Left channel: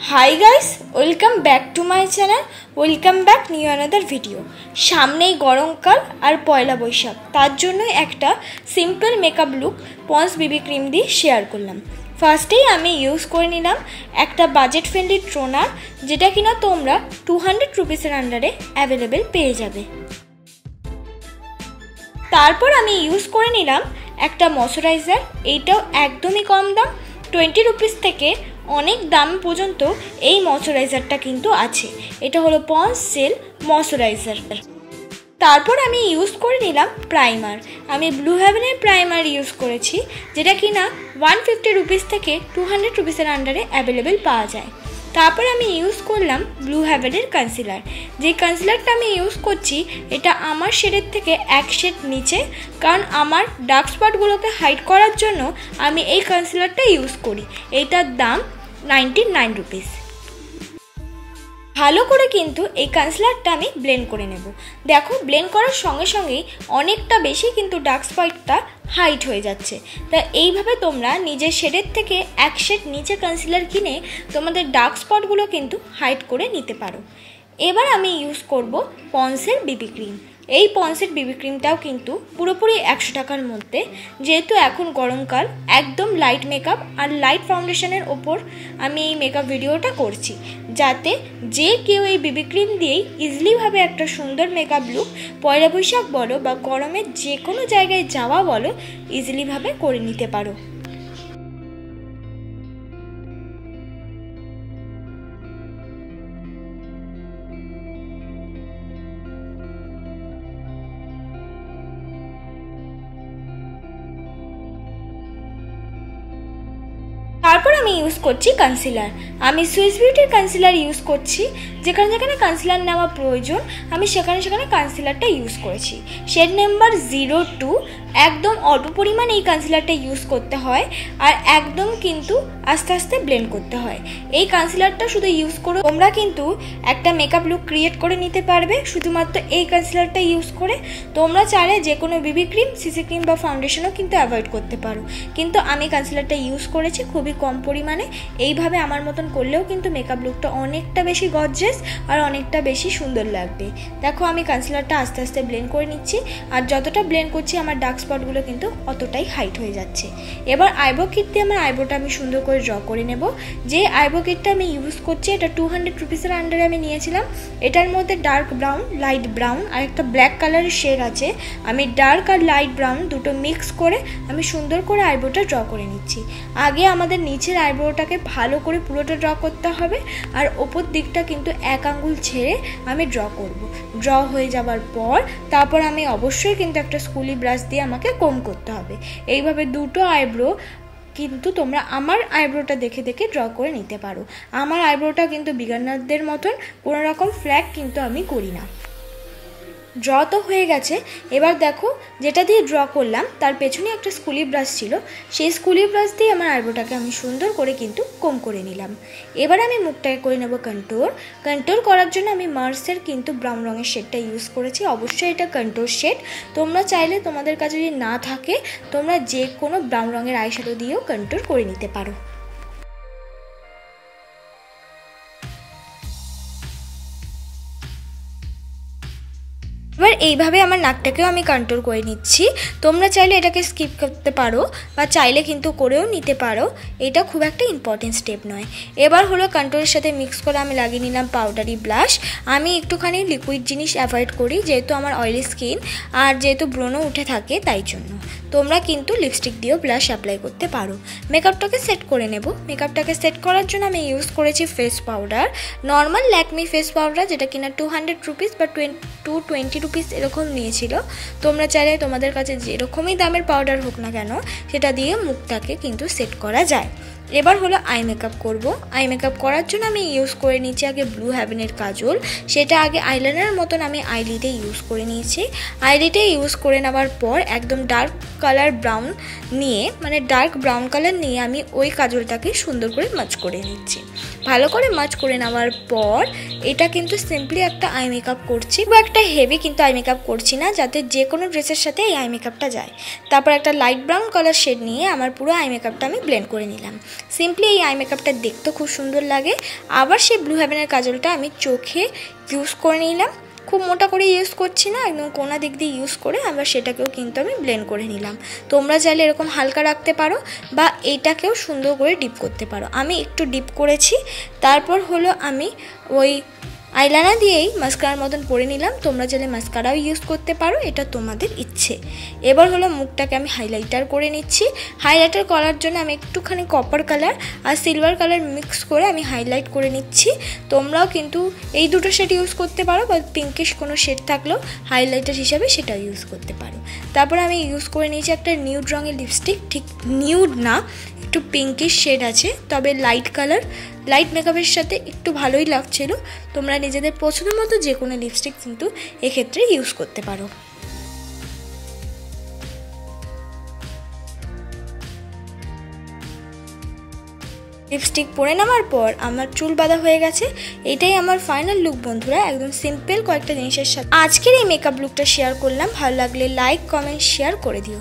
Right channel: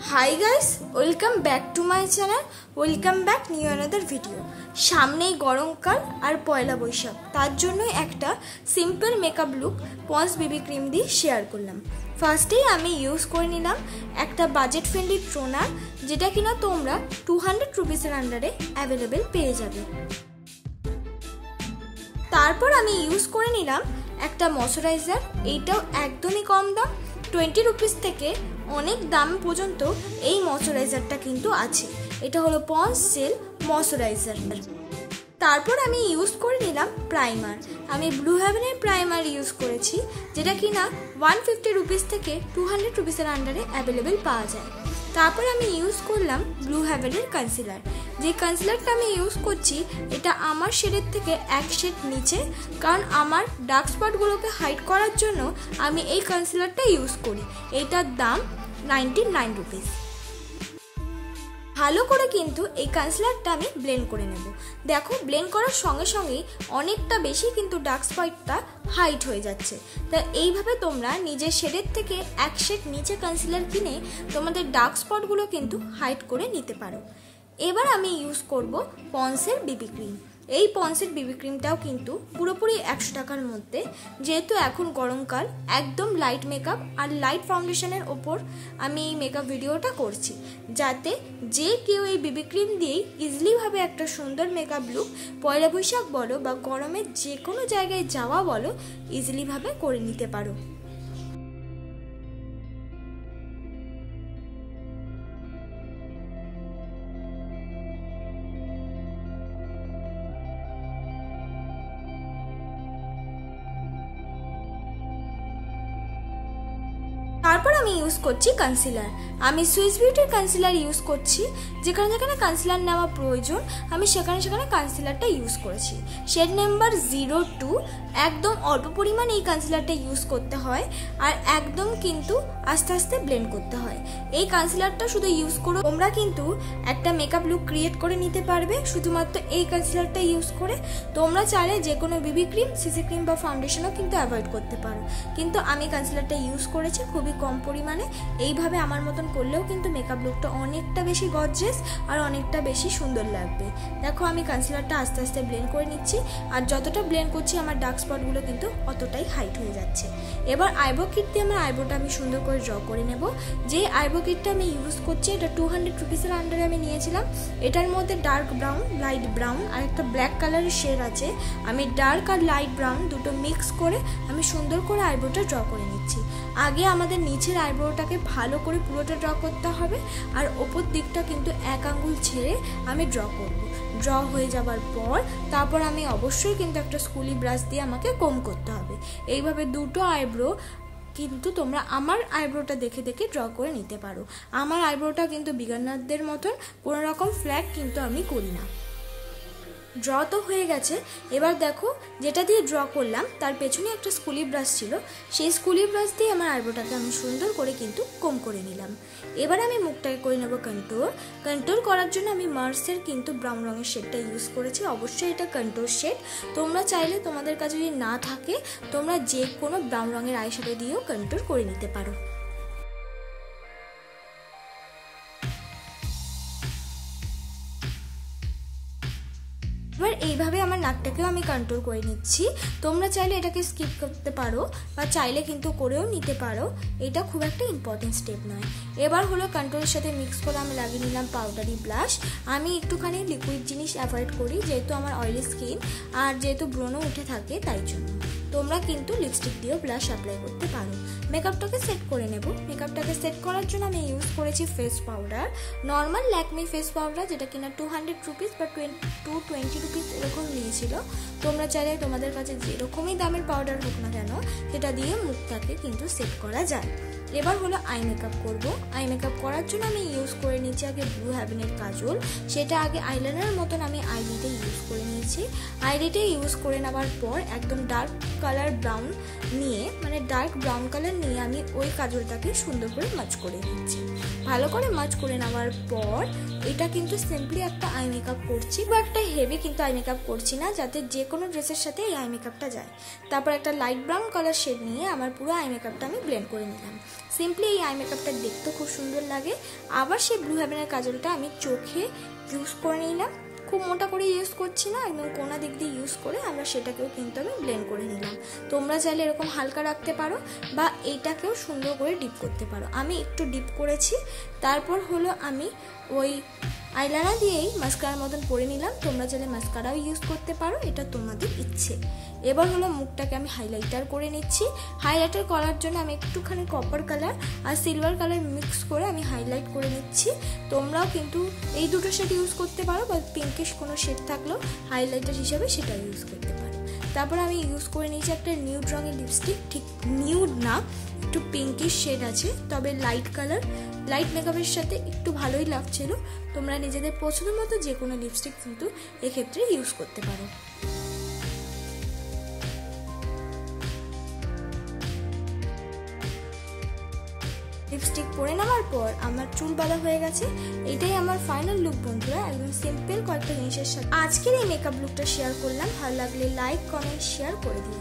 High guys welcome back to my channel welcome back new another video. सामनेई गरमकाल और पयला बैशाख तार जोन्नो एकटा simple makeup look Pond's baby cream दिए शेयर करलाम। फार्स्टेई आमी यूज करे निलाम एकटा बाजेट फ्रेंडली टोनार जेटा किना तोमरा 200 रुपिसेर आंडारे अवेलेबल पेये जाबे। तारपर आमी यूज करे निलाम एकटा मयश्चाराइजार, एटाও एकदमই कम दाम 20 रुपिस থেকে অনেক দাম পর্যন্ত এই ময়শ্চারাইজারটা কিন্তু আছে। এটা হলো পন্স জেল ময়শ্চারাইজার। তারপর আমি ইউজ করে নিলাম প্রাইমার। আমি ব্লু হেভেনের প্রাইমার ইউজ করেছি যেটা কিনা 150 রুপিস থেকে 200 রুপিসের আন্ডারে অ্যাভেলেবেল পাওয়া যায়। তারপর আমি ইউজ করলাম ব্লু হেভেনের কনসিলার। যে কনসিলারটা আমি ইউজ করছি এটা আমার শেডের থেকে এক শেড নিচে, কারণ আমার ডার্ক স্পটগুলোকে হাইড করার জন্য আমি এই কনসিলারটা ইউজ করি। এটার দাম 99 রুপিস। ভালো করে কিন্তু এই কনসিলারটা আমি ব্লেন্ড করে নেব। দেখো ব্লেন্ড করার সঙ্গে সঙ্গেই অনেকটা বেশি কিন্তু ডার্ক স্পটটা হাইড হয়ে যাচ্ছে। তা এইভাবে তোমরা নিজের শেডের থেকে এক শেড নিচে কনসিলার কিনে তোমাদের ডার্ক স্পটগুলো কিন্তু হাইড করে নিতে পারো। এবার আমি ইউজ করব পন্সের বিবি ক্রিম। এই পন্সের বিবি ক্রিমটাও কিন্তু পুরোপুরি 100 টাকার মধ্যে, যেহেতু এখন গরমকাল একদম লাইট মেকআপ আর লাইট ফাউন্ডেশনের ওপর আমি এই মেকআপ ভিডিওটা করছি, যাতে যে কেউ এই বিবি ক্রিম দিয়েই ইজিলিভাবে একটা সুন্দর মেকআপ লুক পয়লা বৈশাখ বলো বা গরমের যে কোনো জায়গায় যাওয়া বলো ইজিলিভাবে করে নিতে পারো। তারপর আমি ইউজ করছি কনসিলার। আমি সুইস বিউটির কনসিলার ইউজ করছি। যেখানে যেখানে কনসিলার নেওয়া প্রয়োজন আমি সেখানে সেখানে কনসিলারটা ইউজ করেছি। Shade number 02। একদম অল্প পরিমাণ এই কনসিলারটা ইউজ করতে হয় আর একদম কিন্তু আস্তে আস্তে ব্লেন্ড করতে হয়। এই কনসিলারটা শুধু ইউজ করো, তোমরা কিন্তু একটা মেকআপ লুক ক্রিয়েট করে নিতে পারবে শুধুমাত্র এই কনসিলারটা ইউজ করে। তোমরা চাইলে যে কোনো বিবি ক্রিম, সিসি ক্রিম বা ফাউন্ডেশনও কিন্তু অ্যাভয়েড করতে পারো, কিন্তু আমি কনসিলারটা ইউজ করেছি খুবই কম পরিমাণে। এইভাবে আমার মতন করলেও কিন্তু মেকআপ লুকটা অনেকটা বেশি গর্জিয়াস আর অনেকটা বেশি সুন্দর লাগবে। দেখো আমি কনসিলারটা আস্তে আস্তে ব্লেন্ড করে নিচ্ছি, আর যতটা ব্লেন্ড করছি আমার ডার্ক স্পটগুলো কিন্তু অতটাই হাইট হয়ে যাচ্ছে। এবার আইব্রো কিট দিয়ে আমার আইব্রোটা আমি সুন্দর করে ড্র করে নেব। যে আইব্রো কিটটা আমি ইউজ করছি এটা 200 রুপিসের আন্ডারে আমি নিয়েছিলাম। এটার মধ্যে ডার্ক ব্রাউন, লাইট ব্রাউন আর একটা ব্ল্যাক কালারের শেড আছে। আমি ডার্ক আর লাইট ব্রাউন দুটো মিক্স করে আমি সুন্দর করে আইব্রোটা ড্র করে নিচ্ছি। আগে আমাদের নিচের আইব্রোটাকে ভালো করে পুরোটা ড্র করতে হবে, আর ওপর দিকটা কিন্তু এক আঙ্গুল ছেড়ে আমি ড্র করব। ড্র হয়ে যাবার পর তারপর আমি অবশ্যই কিন্তু একটা স্কুলি ব্রাশ দিয়ে আমাকে কম করতে হবে। এইভাবে দুটো আইব্রো কিন্তু তোমরা আমার আইব্রোটা দেখে দেখে ড্র করে নিতে পারো। আমার আইব্রোটা কিন্তু বিগানারদের মতন কোনো রকম ফ্ল্যাগ কিন্তু আমি করি না। ড্র তো হয়ে গেছে। এবার দেখো যেটা দিয়ে ড্র করলাম তার পেছনে একটা স্কুলি ব্রাশ ছিল, সেই স্কুলি ব্রাশ দিয়ে আমার আইব্রোটাকে আমি সুন্দর করে কিন্তু কম করে নিলাম। এবার আমি মুখটাকে করে নেব কন্ট্রোল। কন্ট্রোল করার জন্য আমি মার্সের কিন্তু ব্রাউন রঙের শেডটা ইউজ করেছি। অবশ্যই এটা কন্ট্রোল শেড। তোমরা চাইলে তোমাদের কাছে যদি না থাকে তোমরা যে কোনো ব্রাউন রঙের আইশ্যাডো দিয়েও কন্ট্রোল করে নিতে পারো। এবার এইভাবে আমার নাকটাকেও আমি কন্ট্রোল করে নিচ্ছি। তোমরা চাইলে এটাকে স্কিপ করতে পারো বা চাইলে কিন্তু করেও নিতে পারো, এটা খুব একটা ইম্পর্টেন্ট স্টেপ নয়। এবার হলো কন্ট্রোলের সাথে মিক্স করে আমি লাগিয়ে নিলাম পাউডারি ব্লাশ। আমি একটুখানি লিকুইড জিনিস অ্যাভয়েড করি যেহেতু আমার অয়েলি স্কিন আর যেহেতু ব্রণও উঠে থাকে তাই জন্য। তোমরা কিন্তু লিপস্টিক দিয়েও ব্লাশ অ্যাপ্লাই করতে পারো। মেকআপটাকে সেট করে নেব। মেকআপটাকে সেট করার জন্য আমি ইউজ করেছি face powder, normal Lakme face powder, যেটা কিনা 200 রুপিস বা 220 রুপিস এরকম নিয়েছিল। তোমরা চাইলে তোমাদের কাছে যেরকমই দামের পাউডার হোক না কেন সেটা দিয়ে মুখটাকে কিন্তু সেট করা যায়। এবার হলো আই মেকআপ করব। আই মেকআপ করার জন্য আমি ইউজ করে নিয়েছি আগে ব্লু হেভেনের কাজল। সেটা আগে আইলাইনারের মতন আমি আইলিডে ইউজ করে নিয়েছি। আইলিডে ইউজ করে নেওয়ার পর একদম ডার্ক কালার ব্রাউন নিয়ে, মানে ডার্ক ব্রাউন কালার নিয়ে আমি ওই কাজলটাকে সুন্দর করে মাচ করে নিচ্ছি। ভালো করে মাচ করে নেওয়ার পর এটা কিন্তু সিম্পলি একটা আই মেকআপ করছি, বা একটা হেভি কিন্তু আই মেকআপ করছি না, যাতে যে কোনো ড্রেসের সাথে এই আই মেকআপটা যায়। তারপর একটা লাইট ব্রাউন কালার শেড নিয়ে আমার পুরো আই মেকআপটা আমি ব্লেন্ড করে নিলাম। সিম্পলি এই আই মেকআপটা দেখতে খুব সুন্দর লাগে। আবার সেই ব্লু হেভেনের কাজলটা আমি চোখে ইউজ করে নিলাম, খুব মোটা করে ইউজ করছি না, একদম কোনা দিক দিয়ে ইউজ করে আবার সেটাকেও কিন্তু আমি ব্লেন্ড করে নিলাম। তোমরা চাইলে এরকম হালকা রাখতে পারো বা এটাকেও সুন্দর করে ডিপ করতে পারো। আমি একটু ডিপ করেছি। তারপর হলো আমি ওই আইলাইনার দিয়েই মাস্কারার মতন পরে নিলাম। তোমরা চাইলে মাস্কারাও ইউজ করতে পারো, এটা তোমাদের ইচ্ছে। এবার হলো মুখটাকে আমি হাইলাইটার করে নিচ্ছি। হাইলাইটার করার জন্য আমি একটুখানি কপার কালার আর সিলভার কালার মিক্স করে আমি হাইলাইট করে নিচ্ছি। তোমরাও কিন্তু এই দুটো শেড ইউজ করতে পারো, বা পিঙ্কিশ কোনো শেড থাকলেও হাইলাইটার হিসাবে সেটা ইউজ করতে পারো। তারপরে আমি ইউজ করে নিয়েছি একটা নিউড রঙের লিপস্টিক, ঠিক নিউড না, একটু পিঙ্কিশ শেড আছে, তবে লাইট কালার, লাইট মেকআপের সাথে একটু ভালোই লাগছিল। তোমরা নিজেদের পছন্দ মতো যে কোনো লিপস্টিক কিন্তু এক্ষেত্রে ইউজ করতে পারো। লিপস্টিক পরে নেওয়ার পর আমার চুল বাঁধা হয়ে গেছে। এটাই আমার ফাইনাল লুক বন্ধুরা, একদম সিম্পল কয়েকটা জিনিসের সাথে আজকের এই মেকআপ লুকটা শেয়ার করলাম। ভালো লাগলে লাইক, কমেন্ট, শেয়ার করে দিও।